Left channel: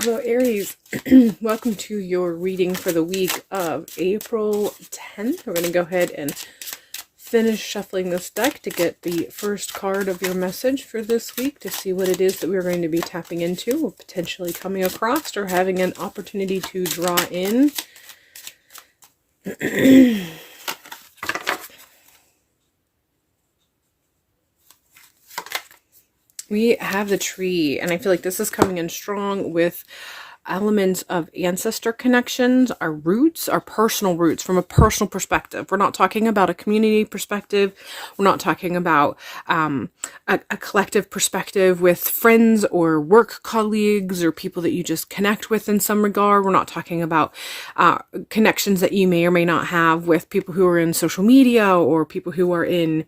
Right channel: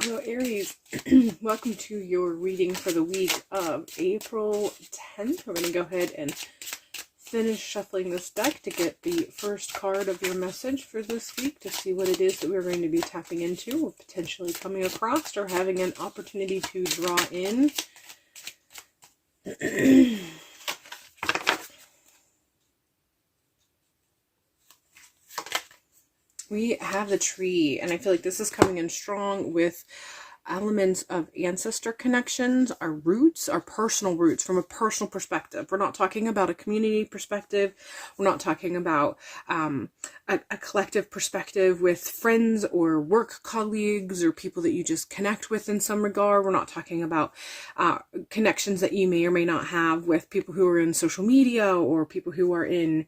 Hello, Aries. Welcome to your reading for the week of April 10th. We're going to go ahead and finish shuffling this deck to get the first card of your message for this week to see what it is that we're going to be tapping into or potentially coming across or having an opportunity to draw in. We have the Tree, and I feel like this is coming in strong with elements of ancestor connections, our roots, our personal roots from a personal perspective. We're not talking about a community perspective. We're not talking about a collective perspective with friends or work colleagues or people that you just connect with in some regard. We're not talking about connections that you may or may not have with people who are in social media or people who are in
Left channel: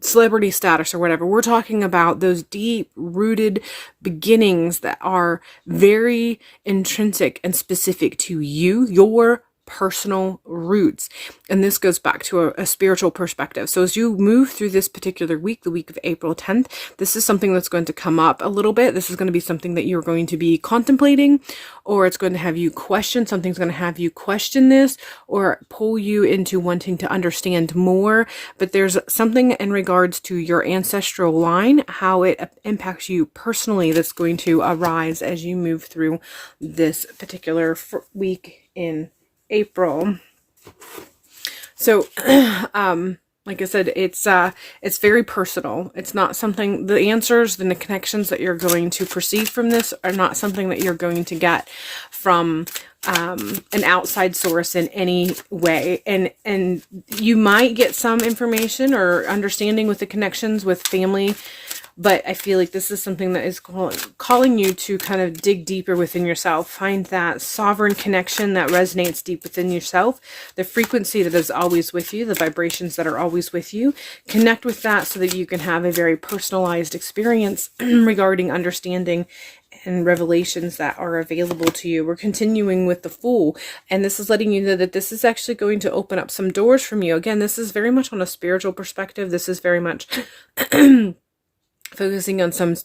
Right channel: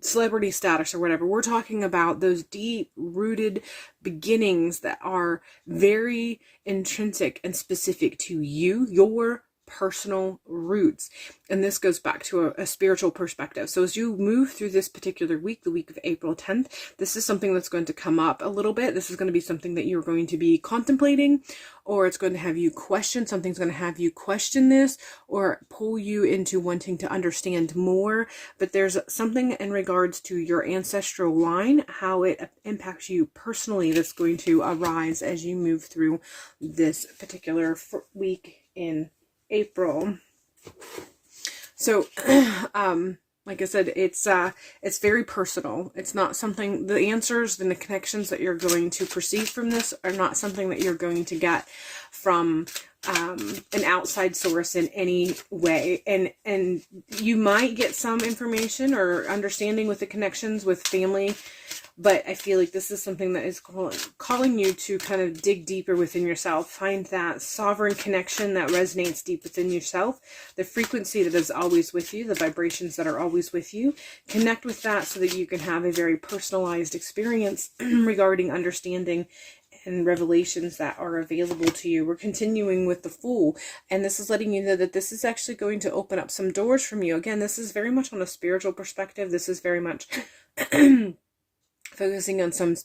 celebrity status or whatever. We're talking about those deep rooted beginnings that are very intrinsic and specific to you, your personal roots. And this goes back to a spiritual perspective. So as you move through this particular week, the week of April 10th, this is something that's going to come up a little bit. This is going to be something that you're going to be contemplating, or it's going to have you question. Something's going to have you question this or pull you into wanting to understand more. But there's something in regards to your ancestral line, how it impacts you personally, that's going to arise as you move through this particular week in April. So like I said, it's very personal. It's not something, the answers and the connections that you're going to perceive from this are not something that you're going to get from an outside source in any way. And you might get some information or understanding with the connections with family, but I feel like this is something that is calling you to kind of dig deeper within yourself. Find that sovereign connection that resonates deep within yourself. The frequency that is always with you, the vibrations that are always with you. Connect with that so that you can have a very personalized experience regarding understanding and revelations that are available to you. We're continuing with the Fool, and this is letting you know that this is actually going to open up some doors from you. Again, this is very much on a spiritual perspective. This is very much focusing on some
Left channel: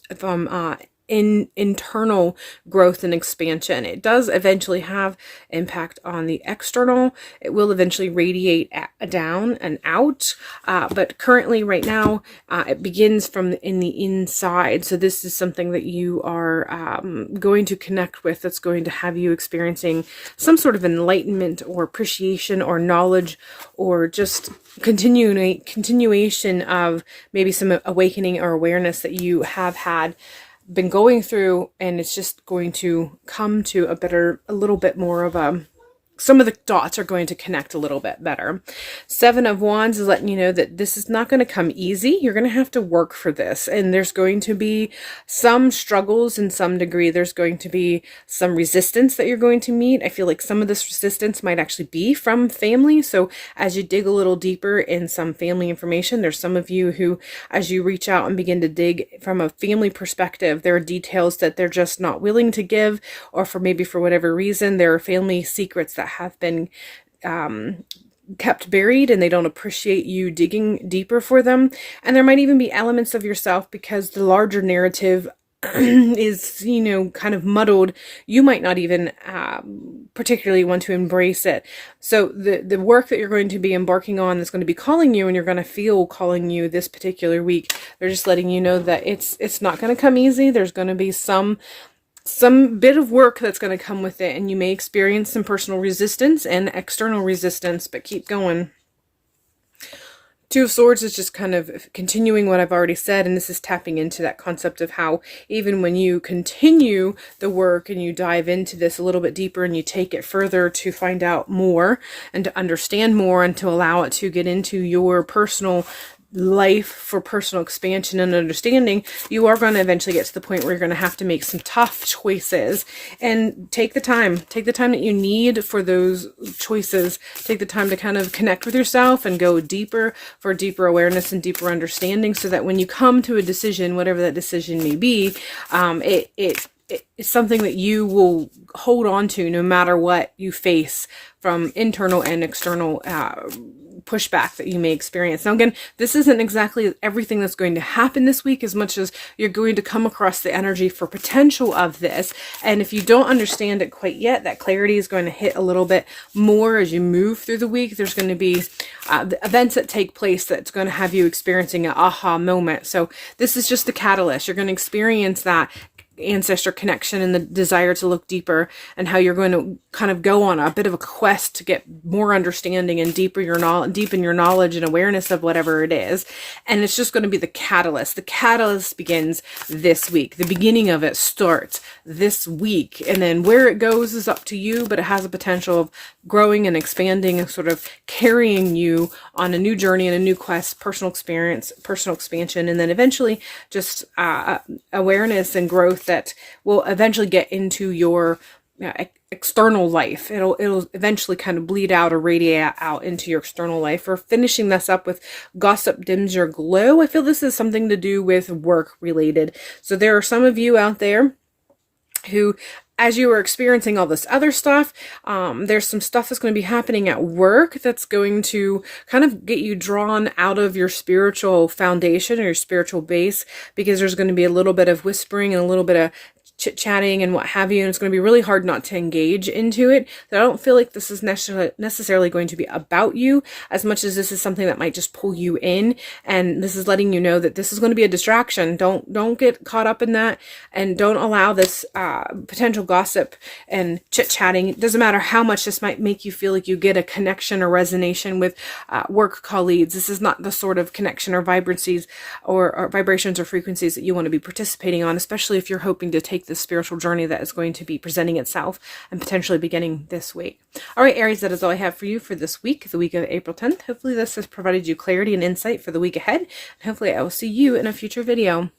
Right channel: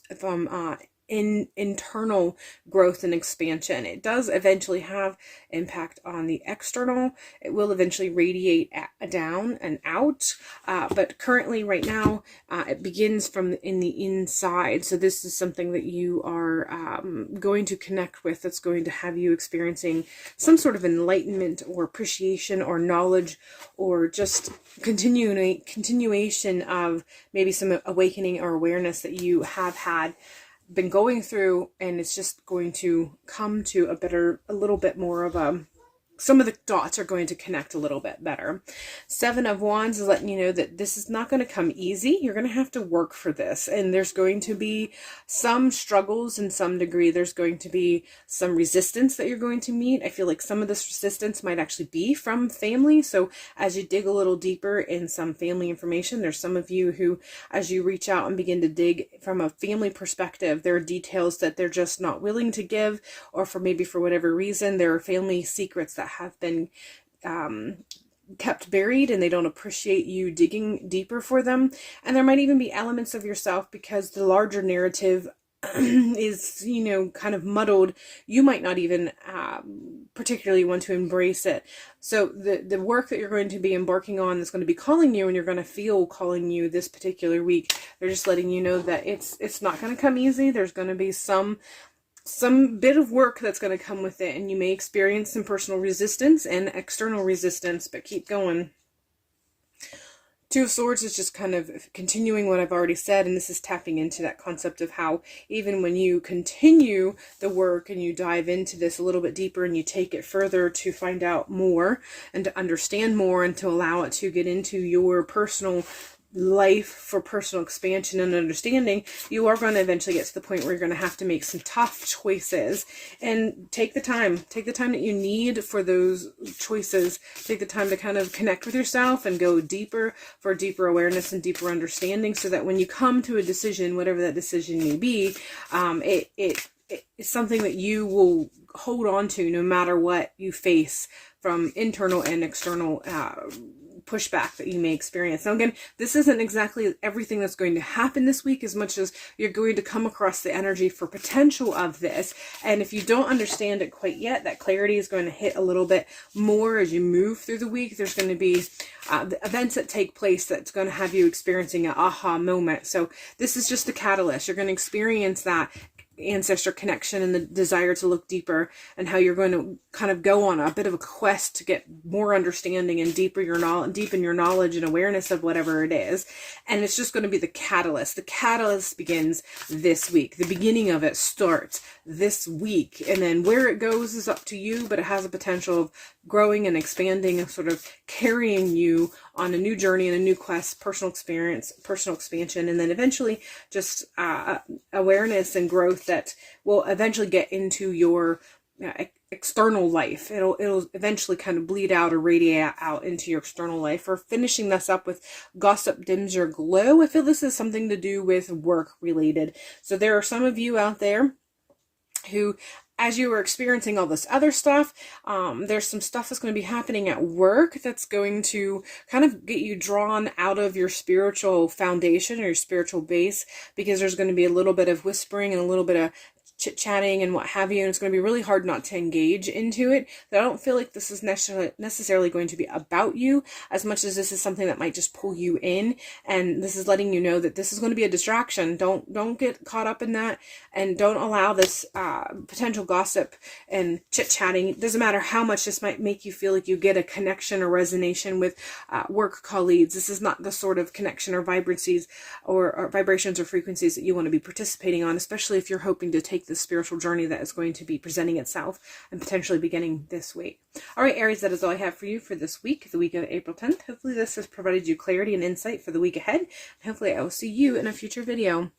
internal growth and expansion. It does eventually have impact on the external. It will eventually radiate down and out, but currently right now it begins from in the inside. So this is something that you are going to connect with, that's going to have you experiencing some sort of enlightenment or appreciation or knowledge, or just continuation of maybe some awakening or awareness that you have been going through, and it's just going to come to a little bit more of some of the dots are going to connect a little bit better. 7 of Wands is letting you know that this is not going to come easy. You're going to have to work for this, and there's going to be some struggles in some degree. There's going to be some resistance that you're going to meet. I feel like some of this resistance might actually be from family. So as you dig a little deeper in some family information, there's some of you who, as you reach out and begin to dig from a family perspective, there are details that they're just not willing to give, or for whatever reason, there are family secrets that have been kept buried, and they don't appreciate you digging deeper for them. And there might even be elements of yourself, because the larger narrative is, kind of muddled. You might not even particularly want to embrace it. So the work that you're going to be embarking on, that's going to be calling you, and you're going to feel calling you this particular week, they're just letting you know that it's not going to come easy. There's going to be some bit of work that's going to come with it, and you may experience some personal resistance and external resistance, but keep going. 2 of Swords is just kind of continuing what I've already said, and this is tapping into that concept of how even when you continue the work and you dive into this a little bit deeper and you take it further to find out more and to understand more and to allow it to get into your personal life for personal expansion and understanding, you are going to eventually get to the point where you're going to have to make some tough choices, and take the time that you need for those choices. Take the time to kind of connect with yourself and go deeper for deeper awareness and deeper understanding, so that when you come to a decision, whatever that decision may be, it's something that you will hold on to no matter what you face from internal and external pushback that you may experience. Now again, this isn't exactly everything that's going to happen this week, as much as you're going to come across the energy for potential of this. And if you don't understand it quite yet, that clarity is going to hit a little bit more as you move through the week. There's going to be the events that take place that's going to have you experiencing an aha moment. So this is just a catalyst. You're going to experience that ancestor connection and the desire to look deeper, and how you're going to kind of go on a bit of a quest to get more understanding and deepen your knowledge and awareness of whatever it is. And it's just going to be the catalyst. The catalyst begins this week. The beginning of it starts this week, and then where it goes is up to you, but it has a potential of growing and expanding and sort of carrying you on a new journey and a new quest, personal experience, personal expansion, and then eventually just awareness and growth that will eventually get into your external life. It'll eventually kind of bleed out or radiate out into your external life. Or finishing this up with gossip dims your glow. I feel this is something to do with work related. So there are some of you out there who, as you are experiencing all this other stuff, there's some stuff that's going to be happening at work that's going to kind of get you drawn out of your spiritual foundation or your spiritual base, because there's going to be a little bit of whispering and a little bit of chit-chatting and what have you, and it's going to be really hard not to engage into it. So I don't feel like this is necessarily going to be about you, as much as this is something that might just pull you in, and this is letting you know that this is going to be a distraction. Don't get caught up in that, and don't allow this potential gossip and chit-chatting. It doesn't matter how much this might make you feel like you get a connection or resonation with work colleagues. This is not the sort of connection or vibrancies or vibrations or frequencies that you want to be participating on, especially if you're hoping to take the spiritual journey that is going to be presenting itself and potentially beginning this week. All right, Aries, that is all I have for you for this week, the week of April 10th. Hopefully this has provided you clarity and insight for the week ahead, and hopefully I will see you in a future video.